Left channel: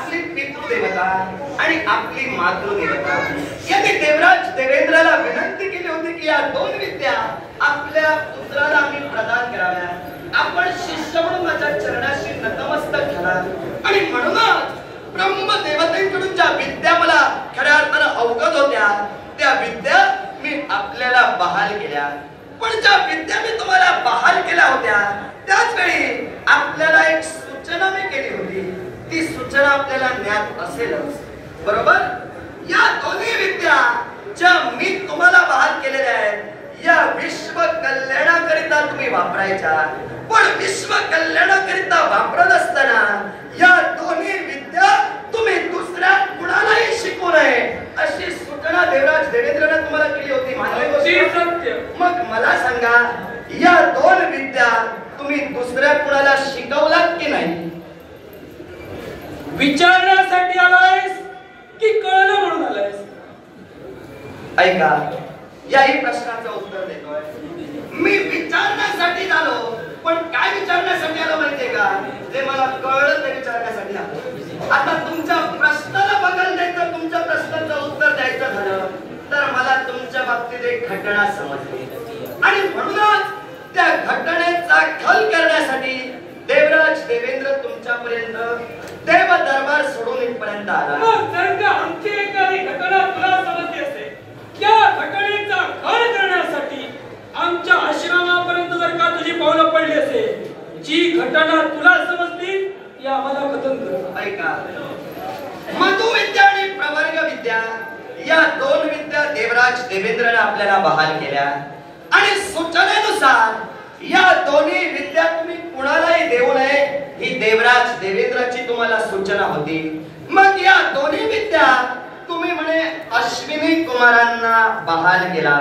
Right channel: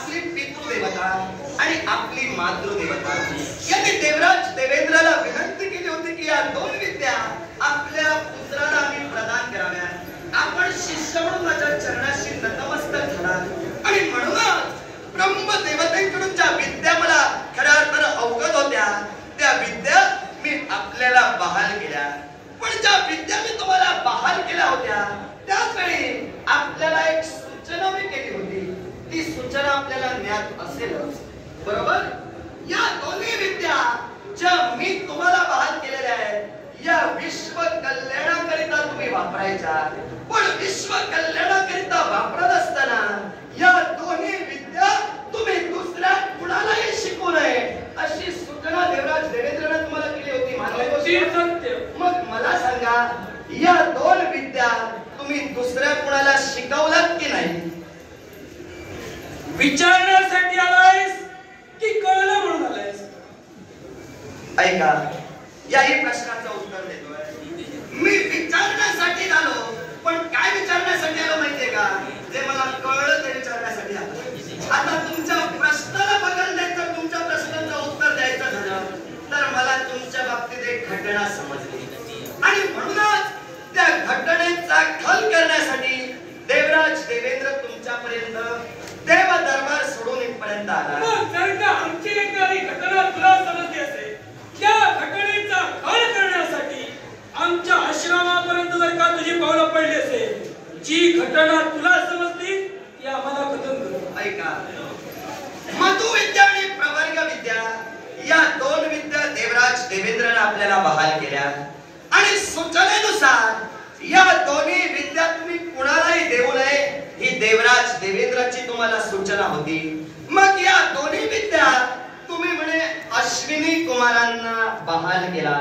आपली पितृदेवता आणि आपली मातृदेवता यांनी देवराज देवेंद्राला विनंती केली होती की या दोन विद्या आपल्या पुत्राला आम्ही प्रदान कराव्या. आपण शिष्य म्हणून माझ्या चरणाशी नतमस्तक झाला आणि म्हणूनच ब्रह्मदेवतेकडून ज्या विद्या मला खऱ्या अर्थानं अवगत होत्या त्या विद्या मी आपल्याला बहाल केल्या. पण ज्या विद्या मी तुम्हाला बहाल केल्या होत्या त्याच वेळी आपल्याला एक सूचना मी केली होती. ती सूचना आपल्याला ज्ञात असेलच, बरोबर? या दोन्ही विद्या ज्या मी तुम्हाला बहाल केलेल्या आहेत या विश्व कल्याणाकरिता तुम्ही वापरायच्या. पण विश्व कल्याणाकरिता वापरत असताना या दोन्ही विद्या तुम्ही दुसऱ्या कुणालाही शिकवू नये अशी सूचना देवराज देवेंद्रने तुम्हाला केली होती. मग मला सांगा, या दोन विद्या तुम्ही दुसऱ्या कुणाला शिकवलात की नाही? विचारण्यासाठी आलायस की कळलं म्हणून आलायस? ऐका, याही प्रश्नाचं उत्तर देतोय. मी विचारण्यासाठी आलो, पण काय विचारण्यासाठी आलो माहितीये का? जे मला कळलं ते विचारण्यासाठी आलो. आता तुमच्या प्रश्नाला बघायला द्यायचं, तुमच्या प्रश्नाचं उत्तर द्यायचं झालं तर मला तुमच्या बाबतीत एक घटना समजली आणि म्हणूनच त्या घटनेचा खल करण्यासाठी देवराज देवेंद्र तुमच्यापर्यंत देव दरबार सोडून इथपर्यंत आला. मग जर का आमची एखादी घटना तुला समजली असेल, त्या घटनेचा खल करण्यासाठी आमच्या आश्रमापर्यंत जर का तुझी पावलं पडली असेल, जी घटना तुला समजली ती आम्हाला कथन कर. ऐका, मधुविद्या आणि प्रवर्ग विद्या या दोन विद्या देवराज देवेंद्रने आपल्याला बहाल केल्या आणि सूचनेनुसार या दोन्ही विद्या तुम्ही कुणालाही देऊ नये ही देवराज देवेंद्राची तुम्हाला सूचना होती. मग या दोन्ही विद्या तुम्ही म्हणे अश्विनी कुमारांना बहाल केला.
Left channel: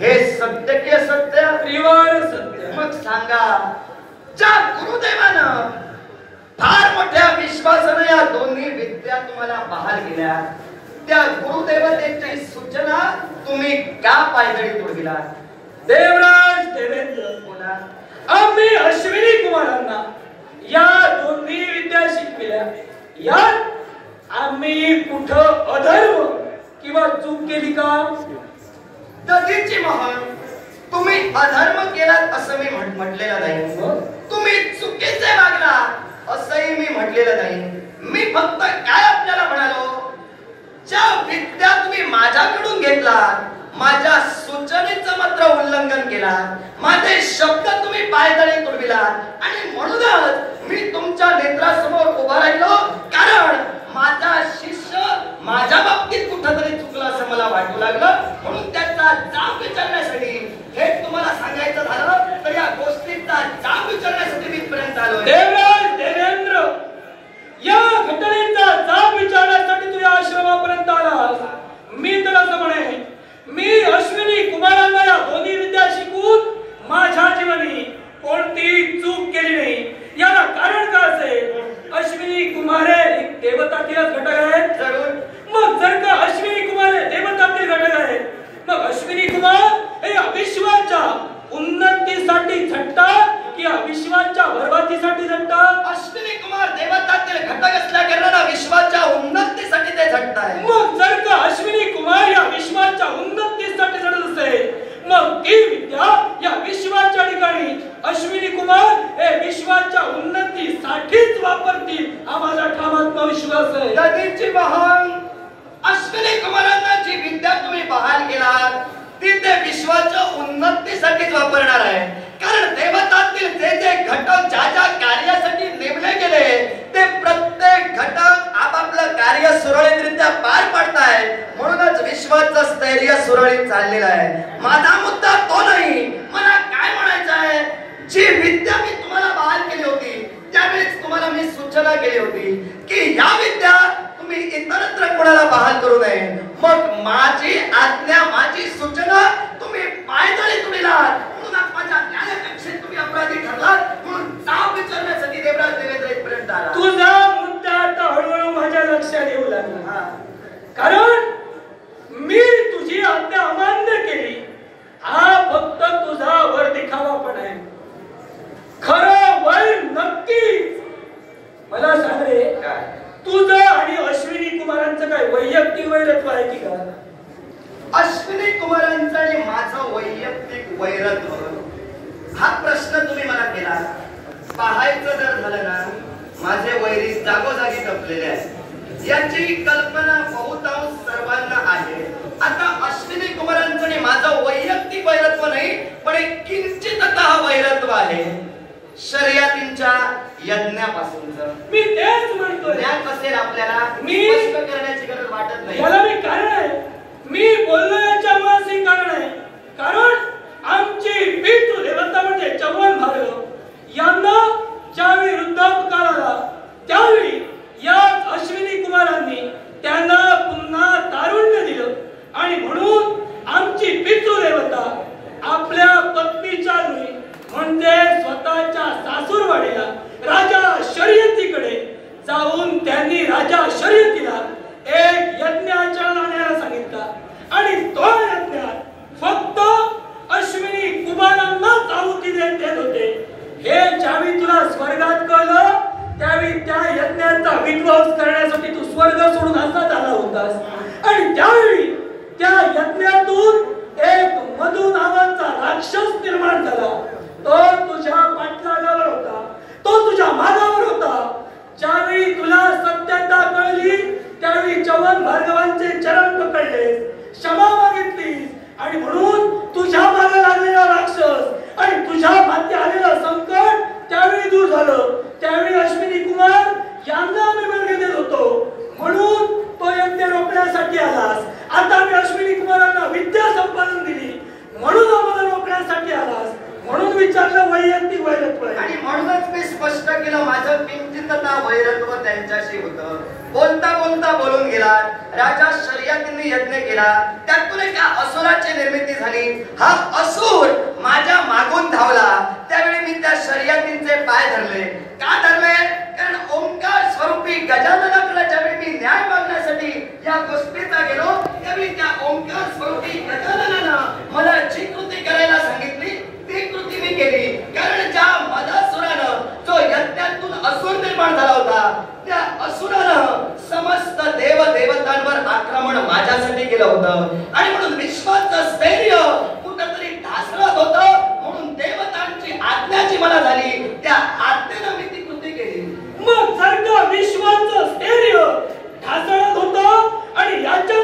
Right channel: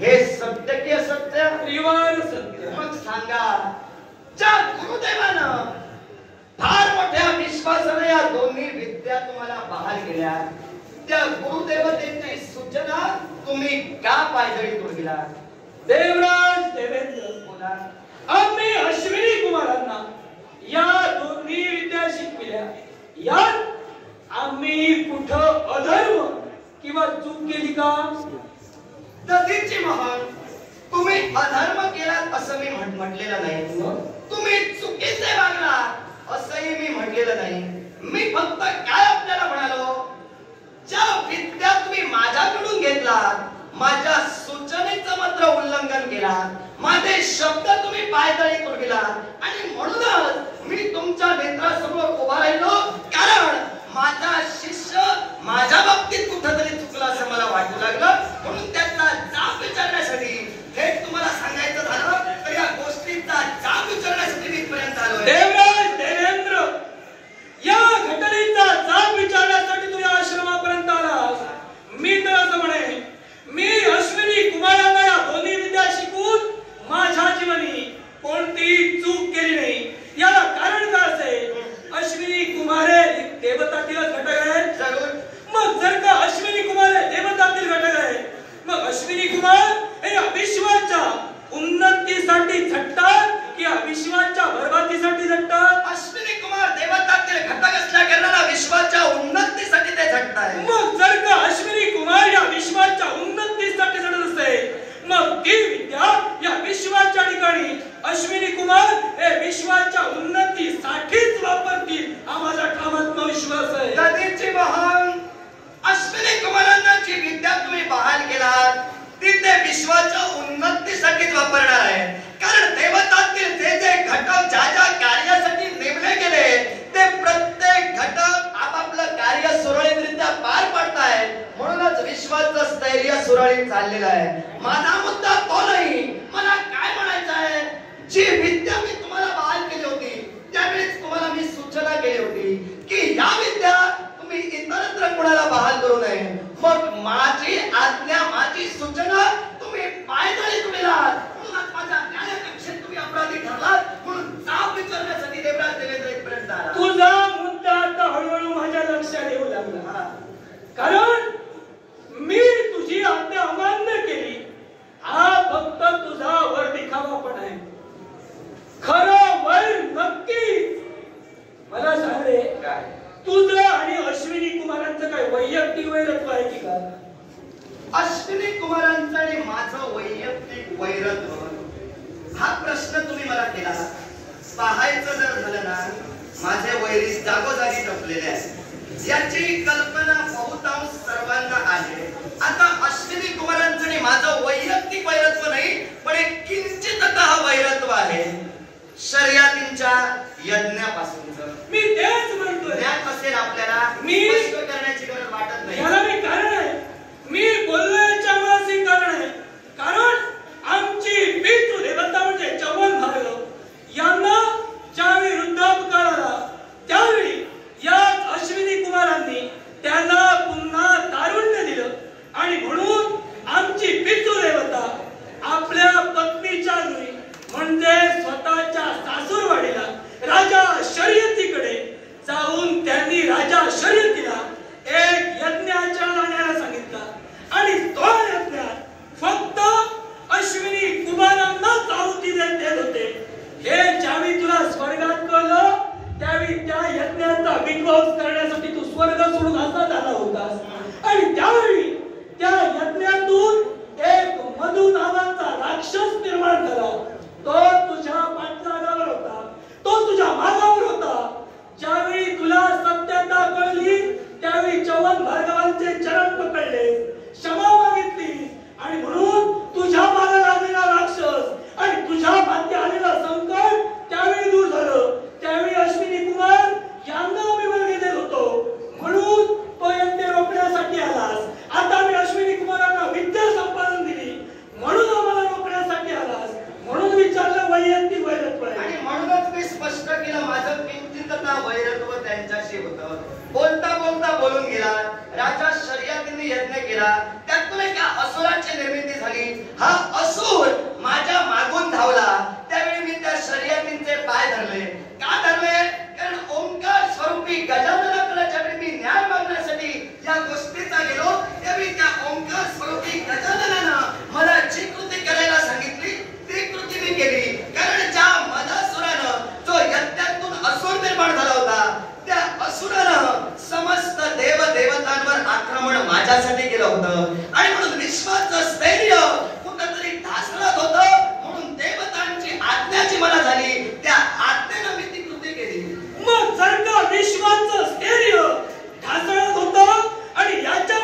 हे सत्य की असत्य? त्रिवार सत्य. मग सांगा, ज्या गुरुदेवानं फार मोठ्या विश्वासाने या दोन्ही विद्या तुम्हाला बहाल केल्या त्या गुरुदेवतेची सूचना तुम्ही का पायदळी तोडविला? देवराज देवेंद्र बोला, आम्ही अश्विनी कुमारांना या दोन्ही विद्या शिकविल्या. यात आम्ही कुठं अधर्म किंवा चूक केली का? दधीची महान, तुम्ही अधर्म केलात असं मी म्हटलेलं नाही. तुम्ही चुकीचे वागला असंही मी म्हटलेलं नाही. मी फक्त काय आपल्याला म्हणालो, ज्या विद्या तुम्ही माझ्याकडून घेतला, माझ्या सूचनेचं मात्र उल्लंघन केला, माझे शब्द तुम्ही पायदळी तोडविला आणि म्हणूनच मी तुमच्या नेत्रासमोर उभा राहिलो. कारण माझा शिष्य माझ्या बाबतीत कुठेतरी चुकला असं मला वाटू लागलं. म्हणून त्याचा जाब विचारण्यासाठी, हे तुम्हाला सांगायचं झालं तर या गोष्टीचा जाब विचारण्यासाठी मी इथपर्यंत आलोय. देवराज देवेंद्र, या घटनेचा जाब विचारण्यासाठी तुझ्या आश्रमापर्यंत आलास. मी तर असं म्हणेन, मी अश्विनी कुमारांना या दोन्ही विद्या शिकून माझ्या जीवनी कोणती चूक केली नाही. याला कारण काय असेल? अश्विनी कुमारे एक देवतातीलच घटक आहेत. जरूर. मग जर का अश्विनी कुमार हे देवतातील घटक आहेत, मग अश्विनी कुमार हे विश्वाच्या उन्नतीसाठी झटतात की विश्वाच्या बरबादीसाठी झटतात? अश्विनी कुमार देवतातील घटक असल्या कारणाने विश्वाच्या उन्नतीसाठी ते झटतात. मग जर का अश्विनी कुमार या विश्वाच्या उन्नतीसाठी झटत असेल, मग ती विद्या या विश्वाच्या ठिकाणी अश्विनी कुमार हे विश्वाच्या उन्नतीसाठीच वापरतील आम्हाला ठाम आत्मविश्वास आहे. दधीची महान, अश्विनी कुमारांना जी विद्या तुम्ही बहाल केलात ती ते विश्वाच्या उन्नतीसाठीच वापरणार आहे. कारण देवतातील जे जे घटक ज्या ज्या कार्यासाठी नेमले गेले ते प्रत्येक घटक आपापलं कार्य सुरळीतरित्या पार पाडताय. म्हणूनच विश्वाचं स्थैर्य सुरळीत चाललेलं आहे. माझा मुद्दा तो नाही. मला काय म्हणायचं आहे, जी विद्या मी तुम्हाला बहाल केली होती त्यावेळेस तुम्हाला मी सूचना केली होती की या विद्या तुम्ही इतरत्र कोणाला बहाल करू नये. मग माझी आज्ञा, माझी सूचना तुम्ही पायदळी तोडलात. म्हणून माझ्या न्यायकक्षेत तुम्ही अपराधी ठरलात. म्हणून जाब विचारण्यासाठी देवराज देवेंद्र इथपर्यंत आला. तुझा मुद्दा आता हळूहळू माझ्या लक्षात येऊ लागला. कारण मी तुझी आज्ञा अमान्य केली हा फक्त तुझा वर दिखावा पण आहे. खरं वय नक्की मला सांग रे, तुझं आणि वैरत्व आहे की का? अश्विनी कुमारांचं आणि माझं वैयक्तिक वैरत्व हा प्रश्न तुम्ही मला केला. पाहायचं जर झालं ना, माझे वैरी जागोजागी जपलेले आहेत. याची कल्पना बहुतांश सर्वांना आहे. आता अश्विनी कुमारांचं आणि माझं वैयक्तिक वैरत्व नाही, पण एक किंचिततः वैरत्व आहे शर्यतींच्या यज्ञापासूनच. मी तेच म्हणतोय. ज्ञान असेल आपल्याला, मी स्पष्ट करण्याची गरज वाटत नाही. याला मी कारण आहे, मी बोललो याच्या मुळाशी कारण आहे. कारण आमची पितृदेवता म्हणजे चव्हाण भार्गव यांना ज्यावेळी वृद्धापकाळ आला त्यावेळी या अश्विनी कुमारांनी त्यांना पुन्हा तारुण्य दिलं आणि म्हणून आमची पितृदेवता आपल्या पत्नीच्या घरी म्हणजे स्वतःच्या सासूरवाडीला राजा शर्यतीकडे जाऊन त्यांनी राजा शर्यतीला एक यज्ञ आचरणाला न्यायला सांगितला आणि तो यज्ञात फक्त अश्विनी कुमारांनाच आहुती देत होते. हे ज्यावेळी तुला स्वर्गात कळलं त्यावेळी त्या यज्ञाचा विध्वंस करण्यासाठी तू स्वर्ग सोडून असा झाला होतास आणि त्यावेळी त्या यज्ञातून एक मधु नावाचा राक्षस निर्माण झाला. तो तुझ्या पाठलागावर होता, तो तुझ्या मागावर होता. ज्यावेळी तुला सत्यता कळली त्यावेळी चव्हाण भार्गवांचे चरण पकडले, क्षमा मागितली आणि म्हणून तुझ्या मागे लागलेला राक्षस आणि तुझ्या माथी आलेला संकट त्यावेळी दूर झालं. त्यावेळी अश्विनी कुमार यांना आम्ही वेळ देत होतो म्हणून तो यज्ञ रोखण्यासाठी आलास. आता मी अश्विनी कुमारांना विद्या संपादन दिली म्हणून आम्हाला रोखण्यासाठी आलास. म्हणून विचारलं वैयक्तिक वैरत्व आहे. आणि म्हणूनच मी स्पष्ट केलं माझं किंचिततः वैरत्व त्यांच्याशी होतं. बोलता बोलता बोलून गेला. राजा शर्यतीने यज्ञ केला, त्यातून एका असुराची निर्मिती झाली. हा असुर माझ्या मागून धावला. त्यावेळी मी त्या शर्यतींचे पाय धरले. का धरले? कारण ओंकार स्वरूपी गजाननाकडे ज्यावेळी मी न्याय मागण्यासाठी या गोष्टीचा गेलो त्यावेळी त्या ओंकार स्वरूपी गजाननानं मला जी कृती करायला सांगितली ती कृती मी केली. कारण ज्या मदासुरानं जो यज्ञातून असुर निर्माण झाला होता त्या असुरानं समस्त देव देवतांवर आक्रमण माझ्यासाठी केलं होतं आणि म्हणून विश्वाचं स्थैर्य कुठंतरी ढासळत होतं. म्हणून देवतांची आज्ञा जी मला झाली त्या आज्ञेनं मी ती कृती केली. मग जर का विश्वाचं स्थैर्य ढासळत होतं आणि याच्या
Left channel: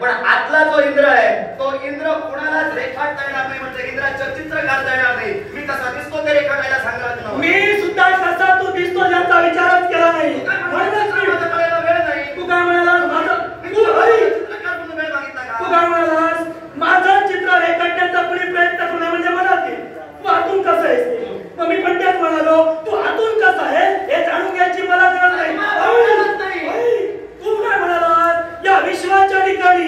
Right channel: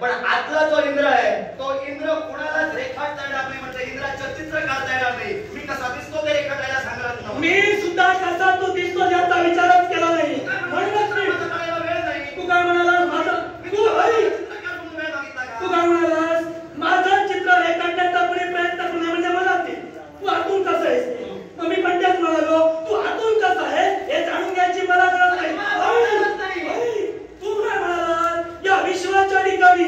पण आतला जो इंद्र आहे तो इंद्र कोणालाच रेखाटता येणार नाही, म्हणजे इंद्राचं चित्र काढता येणार नाही. मी कसा दिसतो ते रेखाटायला सांगत नव्हतं. मी सुद्धा कसा तू दिसतो याचा विचारच केला नाही. म्हणूनच मी माझा करायला वेळ नाही. तू काय म्हणालास माझं तू ऐक. चित्र काढून वेळ मागितला का? तू काय म्हणालास माझं चित्र रेखाटण्याचा कुणी प्रयत्न करू नये म्हणजे मला ते तू आतून कसं आहेस ते. मग मी पण तेच म्हणालो तू आतून कसा आहे हे जाणून घ्यायची मला गरज नाही. तू काय म्हणालास या विश्वाच्या ठिकाणी